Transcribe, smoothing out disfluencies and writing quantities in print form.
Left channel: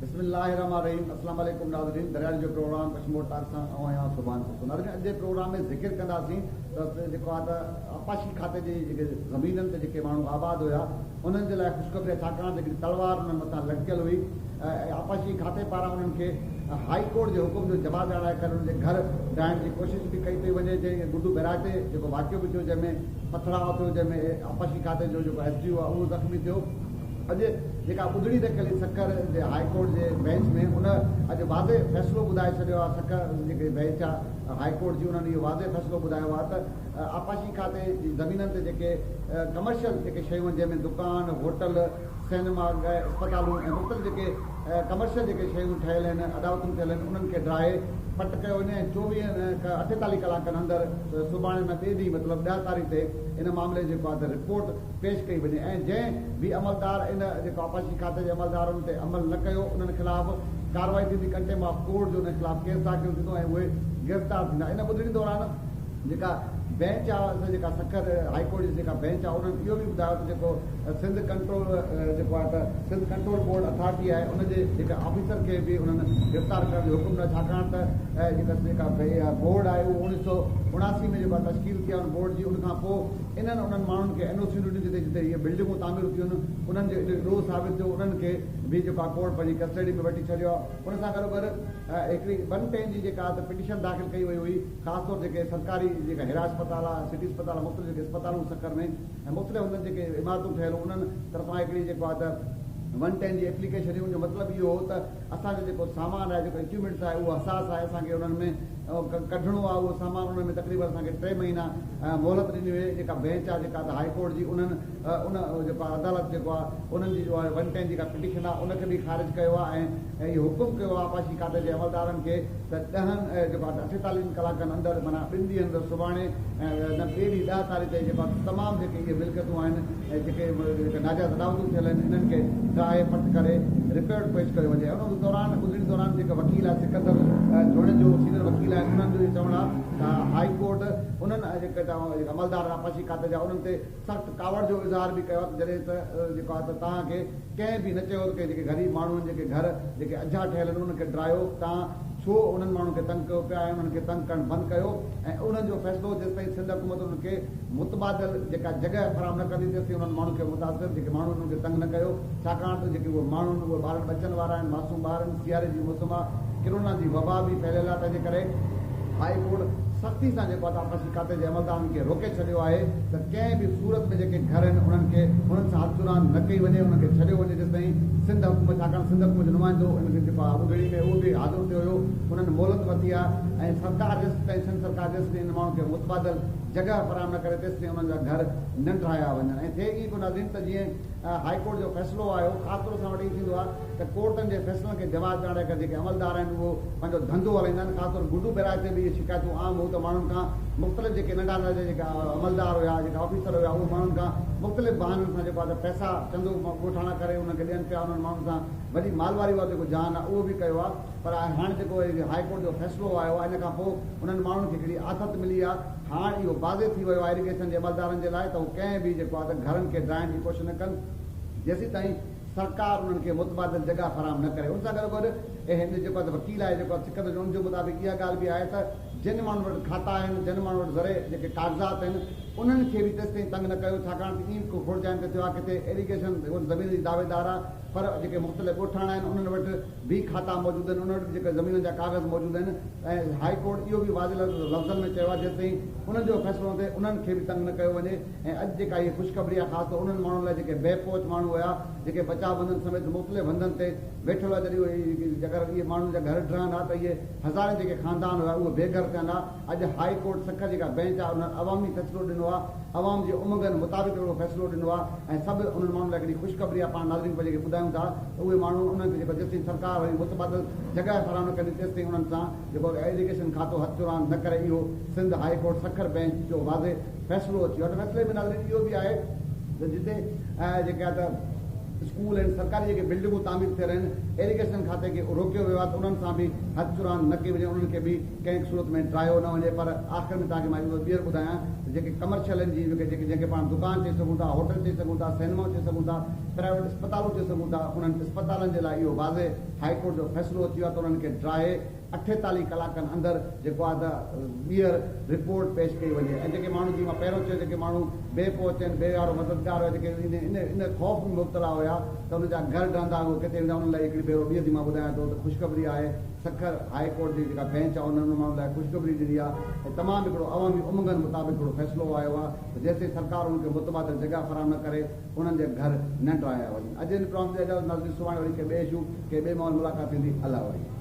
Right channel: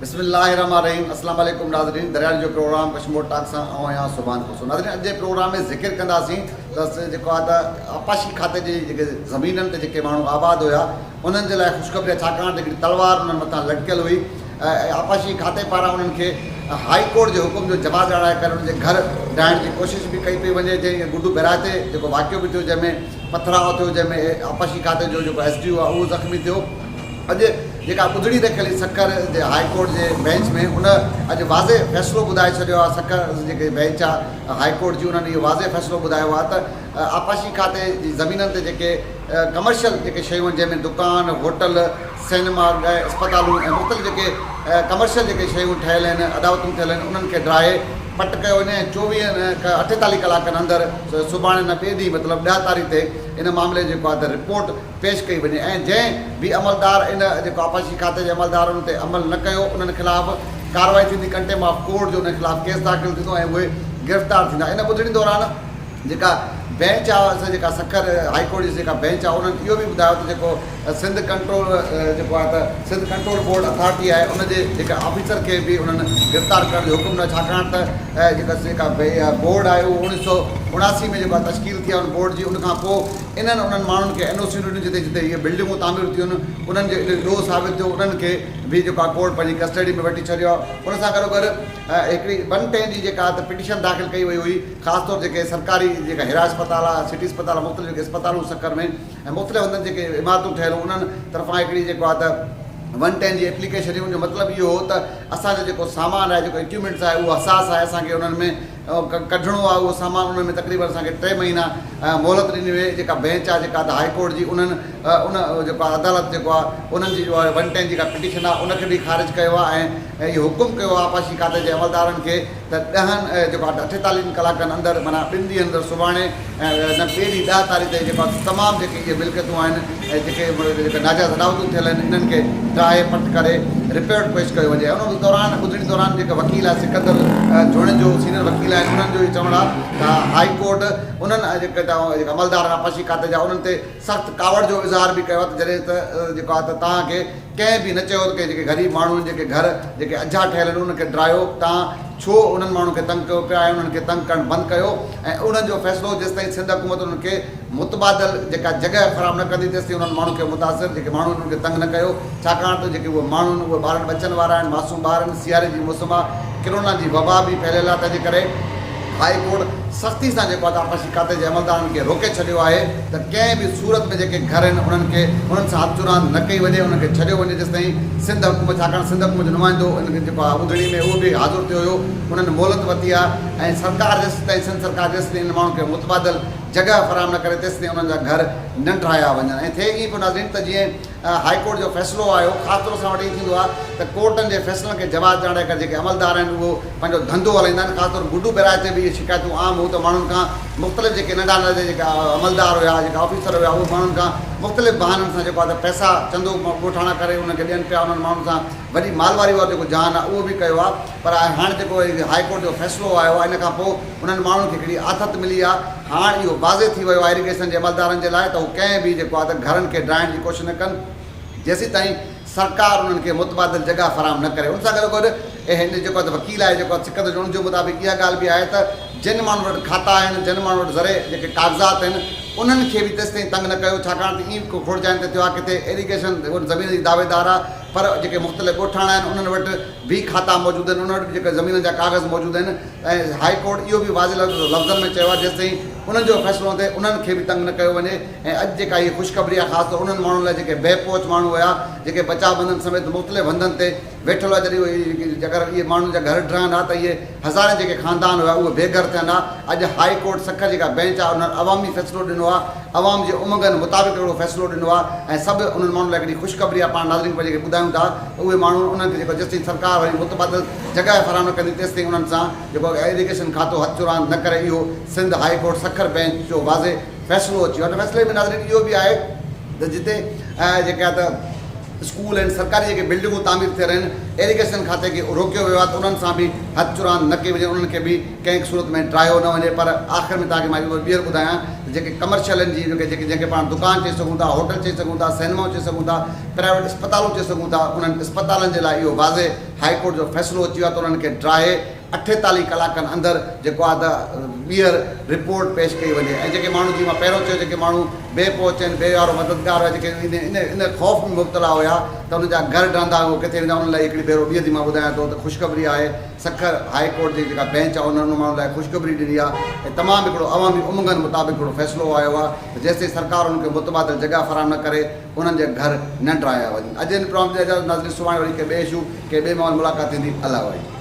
बिस्मिल्लाहिर्रहमानिर्रहीम। अस्सलाम वालेकुम नाज़रीन। दरियाल जो प्रोग्राम कश्मीर टाक सां आहियां सुभान खुशो। नाज़रीन, अॼु जे प्रोग्राम में ज़िक्र कंदासीं त जेको आहे त आपाशी खाते जी जेके ज़मीननि ते जेके माण्हू आबाद हुया उन्हनि जे लाइ ख़ुशख़बरी आहे, छाकाणि त हिकिड़ी तलवार उन्हनि मथां लटकियल हुई। आपाशी खाते पारां उन्हनि खे हाई कोर्ट जे हुकुम जो जवाबु ॾियाराए करे उन्हनि जे घर ॾाइण जी कोशिशि बि कई पई वञे। जंहिं गुडू बेराते जेको वाक़ियो बि थियो, जंहिंमें पथराव थियो, जंहिंमें आपाशी खाते जो जेको SDO आहे उहो ज़ख़्मी थियो। अॼु जेका ॿुधड़ी रखियल सखर जे हाई कोर्ट जे बेंच में उन अॼु वाज़े फ़ैसिलो ॿुधाए छॾियो आहे। सखर जेके बेंच आहे हाई कोर्ट जी, उन्हनि इहो वाज़े फ़ैसिलो ॿुधायो आहे त आपाशी खाते जी ज़मीननि ते जेके कमर्शियल जेके शयूं आहिनि, जंहिंमें दुकान, होटल, सिनेमा, अस्पतालूं ऐं मुख़्तलिफ़ जेके कमर्शियल जेके शयूं ठहियल आहिनि, अदावतूं ठहियल आहिनि, उन्हनि खे ड्राहे पट कयो वञे। 48 कलाकनि अंदरि सुभाणे न ॿिए ॾींहुं मतिलबु 10 तारीख़ ते इन मामले जेको आहे त रिपोर्ट पेश कई वञे। ऐं जंहिं बि अमलदार इन जेको आपाशी खाते जे अमलदार उन ते अमल न कयो, उन्हनि ख़िलाफ़ कार्रवाई थींदी, कंटेम्प्ट ऑफ कोर्ट जो उन ख़िलाफ़ केस दाख़िल थींदो ऐं उहे गिरफ़्तार थींदा। इन ॿुधड़ी दौरान जेका बेंच आहे, जेका सखर हाई कोर्ट जी जेका बेंच आहे, उन्हनि इहो बि ॿुधायो त जेको सिंध कंट्रोल जेको आहे त सिंध कंट्रोल बोर्ड अथॉरिटी आहे, उनजे जेका ऑफिसर खे बि उन्हनि गिरफ़्तार करण जो हुकुम न, छाकाणि त जेका बोर्ड आहे उहो 1979 में जेको आहे तश्कील थी आहे उन बोर्ड जी। उनखां पोइ उन्हनि माण्हुनि खे NOC ॾिनी जिते जिते इहे बिल्डिंगूं तामीर थियूं आहिनि, उन्हनि जो ॾोह साबित थियो, उन्हनि खे बि जेको आहे कोर्ट पंहिंजी कस्टडी में वठी छॾियो आहे। उन सां गॾोगॾु हिकिड़ी 110 जी जेका त पिटीशन दाख़िल कई वई हुई, ख़ासि तौर जेके सरकारी जेका हिरा अस्पताल आहे, सिटी अस्पताल, मुख़्तलिफ़ जेके अस्पतालूं सखर में ऐं मुख़्तलिफ़ हंधनि जेके इमारतूं ठहियल उन्हनि तरफ़ां हिकिड़ी जेको आहे त 110 जी एप्लीकेशन हुई। उनजो मतिलबु इहो हो त असांजो जेको सामान आहे, जेको इक्विपमेंट्स आहे, उहो हसास आहे, असांखे उन्हनि में कढिणो आहे उहो सामान। उन में तक़रीबन असांखे 3 महीना मोहलत ॾिनी वई। जेका बेंच आहे जेका त हाई कोर्ट जी, उन्हनि उन जेको आहे अदालत जेको आहे उन्हनि जी जो आहे 110 जेका पिटीशन आहे उनखे बि ख़ारिज कयो आहे ऐं इहो हुकुम कयो आहे आपाशी खाते जे अमलदारनि खे त 10 जेको आहे 48 कलाकनि अंदरि, माना 2 ॾींहंनि अंदरि, सुभाणे न ॿिए ॾींहुं 10 तारीख़ ते जेको आहे तमामु जेके इहे मिल्कियतूं आहिनि ऐं जेके नाजाइज़ अदावतूं थियल आहिनि, इन्हनि खे ड्राहे पट करे रिपोर्ट पेश कयो वञे। उन दौरान ॿुधड़ी दौरान जेका वकील आहे सिकंदर जोड़े जो सीनियर वकील आहिनि, उन्हनि जो इहो चवणु आहे त हाई कोर्ट उन्हनि जेके अमलदार आपाशी खाते जा उन्हनि ते सख़्तु कावड़ जो इज़हार बि कयो आहे त जॾहिं त जेको आहे त तव्हांखे कंहिं बि न चयो की जेके ग़रीब माण्हू आहिनि, जेके घर जेके अझा ठहियल आहिनि, उन्हनि खे ड्रायो, तव्हां छो उन्हनि माण्हुनि खे तंग कयो पिया ऐं उन्हनि खे तंग करणु बंदि कयो। ऐं उन्हनि जो फ़ैसिलो जेसिताईं सिंध हुकूमत उन्हनि खे मुतबादिल जेका जॻह फ़राहम न कंदी, तेसिताईं उन्हनि माण्हुनि खे मुतासिर जेके माण्हू उन्हनि खे तंग न कयो, छाकाणि त जेके उहे माण्हू आहिनि उहे ॿारनि बचनि वारा आहिनि, मासूम ॿार आहिनि, सियारे जी मौसम आहे, किरोना जी वबा बि फैलियल आहे। तंहिंजे करे हाई कोर्ट सख़्ती सां जेको आहे आपाशी खाते जे अमलदारनि खे रोके छॾियो आहे त कंहिं बि सूरत में जेके घर आहिनि उन्हनि सां हथ चुरांद न कई वञे, उन्हनि खे छॾियो वञे जेसिताईं सिंध हुकूमत, छाकाणि सिंध हुकूमत जो नुमाइंदो उनखे जेको आहे ॿुधड़ी में उहो बि हाज़िर थियो हुयो, उन्हनि मोहलत वरिती आहे ऐं सरकार जेसिताईं सिंध सरकार जेसिताईं इन माण्हुनि खे मुतबादिल जॻह फ़राहम न करे तेसिताईं उन्हनि जा घर न ठाहिया वञनि। ऐं थिए ई पोइ नाज़रीन त जीअं हाई कोर्ट जो फ़ैसिलो आयो, ख़ासि तौर सां वटि इहो थींदो आहे त कोर्टनि जे फ़ैसिलनि खे जवाबु ॾियाराए करे जेके अमलदार आहिनि उहो पंहिंजो धंधो हलाईंदा आहिनि। ख़ासि तौर गुडू बेराए ते बि इहे शिकायतूं आम हो त माण्हुनि खां मुख़्तलिफ़ जेके नंढा नंढा जेका अमलदार हुया, जेका ऑफिसर हुया, उहे माण्हुनि खां मुख़्तलिफ़ बहाननि सां जेको आहे त पैसा चंदो ॻोठाणा करे उनखे ॾियनि पिया। उन्हनि माण्हुनि सां वॾी मालवारी वारो जेको जान आहे उहो बि कयो आहे। पर हाणे जेको हाई कोर्ट जो फ़ैसिलो आयो आहे, इन खां पोइ उन्हनि माण्हुनि खे हिकिड़ी आथत मिली आहे। हाणे इहो वाज़े थी वियो आहे इरीगेशन जे अमलदारनि जे लाइ त हू कंहिं बि जेको आहे त घरनि खे ड्राइण जी कोशिशि न कनि जेसीं ताईं सरकार उन्हनि खे मुतबादिल जॻह फ़राहम न करे। उन सां गॾोगॾु हिन जेको आहे त वकील आहे जेको सिकंदर जोड़नि जे मुताबिक़ इहा ॻाल्हि बि आहे त जिन माण्हुनि वटि खाता आहिनि, जिन माण्हुनि वटि ज़रे जेके काग़ज़ात आहिनि, उन्हनि खे बि तेसिताईं तंग न कयो, छाकाणि त ईअं को खोड़जाइनि ते थियो आहे किथे इरीगेशन ज़मीन जी दावेदार आहे पर जेके मुख़्तलिफ़ ॻोठाणा आहिनि उन्हनि वटि बि खाता मौजूदु आहिनि, उन्हनि वटि जेके ज़मीन जा काग़ज़ मौजूदु आहिनि। ऐं हाई कोर्ट इहो बि वाज़े लफ़्ज़नि में चयो आहे जेसिताईं उन्हनि जो फ़ैसिलो थिए उन्हनि खे बि तंग न कयो वञे। ऐं अॼु जेका इहा ख़ुशख़बरी आहे ख़ासि तौर उन्हनि माण्हुनि लाइ जेके बेपहुच माण्हू हुया, जेके बचाव बंधन समेत मुख़्तलिफ़ हंधनि ते वेठल हुआ, जॾहिं अगरि इहे माण्हुनि जा घर ठहनि हा त इहे हज़ारे जेके ख़ानदान हुआ उहे बेघर थियनि हा। अॼु हाई कोर्ट सखर जेका बेंच आहे उन्हनि अवामी फ़ैसिलो ॾिनो आहे, अवाम जे उमंगनि मुताबिक़ हिकिड़ो फ़ैसिलो ॾिनो आहे ऐं सभु उन्हनि माण्हुनि लाइ हिकिड़ी ख़ुशख़बरी आहे। पाण नाज़रीन खे जेके ॿुधायूं था उहे माण्हू उन्हनि खे जेको जेसिताईं सरकार वरी मुतबादिल जॻह फ़राहम न कंदी तेसिताईं उन्हनि सां जेको इरीगेशन खातो हथ चुरांद न करे। इहो Sindh high court Sukkur bench जो वाज़े फ़ैसिलो अची वियो आहे। फ़ैसिले में नाज़रीन इहो बि आहे त जिते जेका त स्कूल आहिनि सरकारी जेके बिल्डिंगूं तामीर थियल आहिनि इरिगेशन खाते खे रोकियो वियो आहे त उन्हनि सां बि हथ चुरान न कई वञे, उन्हनि खे बि कंहिं सूरत में ड्रायो न वञे। पर आख़िर में तव्हांखे मां ॿीहर ॿुधायां त जेके कमर्शियल आहिनि जी जंहिंखे पाण दुकान चई सघूं था, होटल चई सघूं था, सिनेमा चई सघूं था, प्राइवेट अस्पतालूं चई सघूं था, उन्हनि अस्पतालनि जे लाइ इहो वाज़े हाईकोर्ट जो फ़ैसिलो अची वियो आहे त उन्हनि खे ड्राए 48 कलाकनि अंदरि जेको आहे त ॿीहर रिपोर्ट पेश कई वञे। ऐं जेके माण्हू जीअं मां पहिरियों चयो जेके माण्हू बेपहुच आहिनि, बेवारो मददगार हुआ, जेके इन ख़ौफ़ में मुब्तला हुआ त उनजा घर रहंदा हो किथे वेंदा, उन्हनि लाइ हिकिड़ी भेरो ॿीहर थी मां ॿुधायां थो त ख़ुशख़बरी आहे। सखर हाईकोर्ट जी जेका बेंच आहे उन्हनि माण्हुनि लाइ ख़ुशख़बरी ॾिनी आहे ऐं तमामु हिकिड़ो अवामी उमंगनि मुताबिक़ हिकिड़ो फ़ैसिलो आयो आहे त जेसिताईं सरकार उन्हनि खे मुतबादिल जॻह फ़राहम न करे उन्हनि जे घर न ड्राया वञनि। अॼु इन प्रोग्राम जे नाज़रीन सुभाणे वरी के ॿिए इशू के ॿिए माण्हू मुलाक़ात थींदी। अलाह वाहे।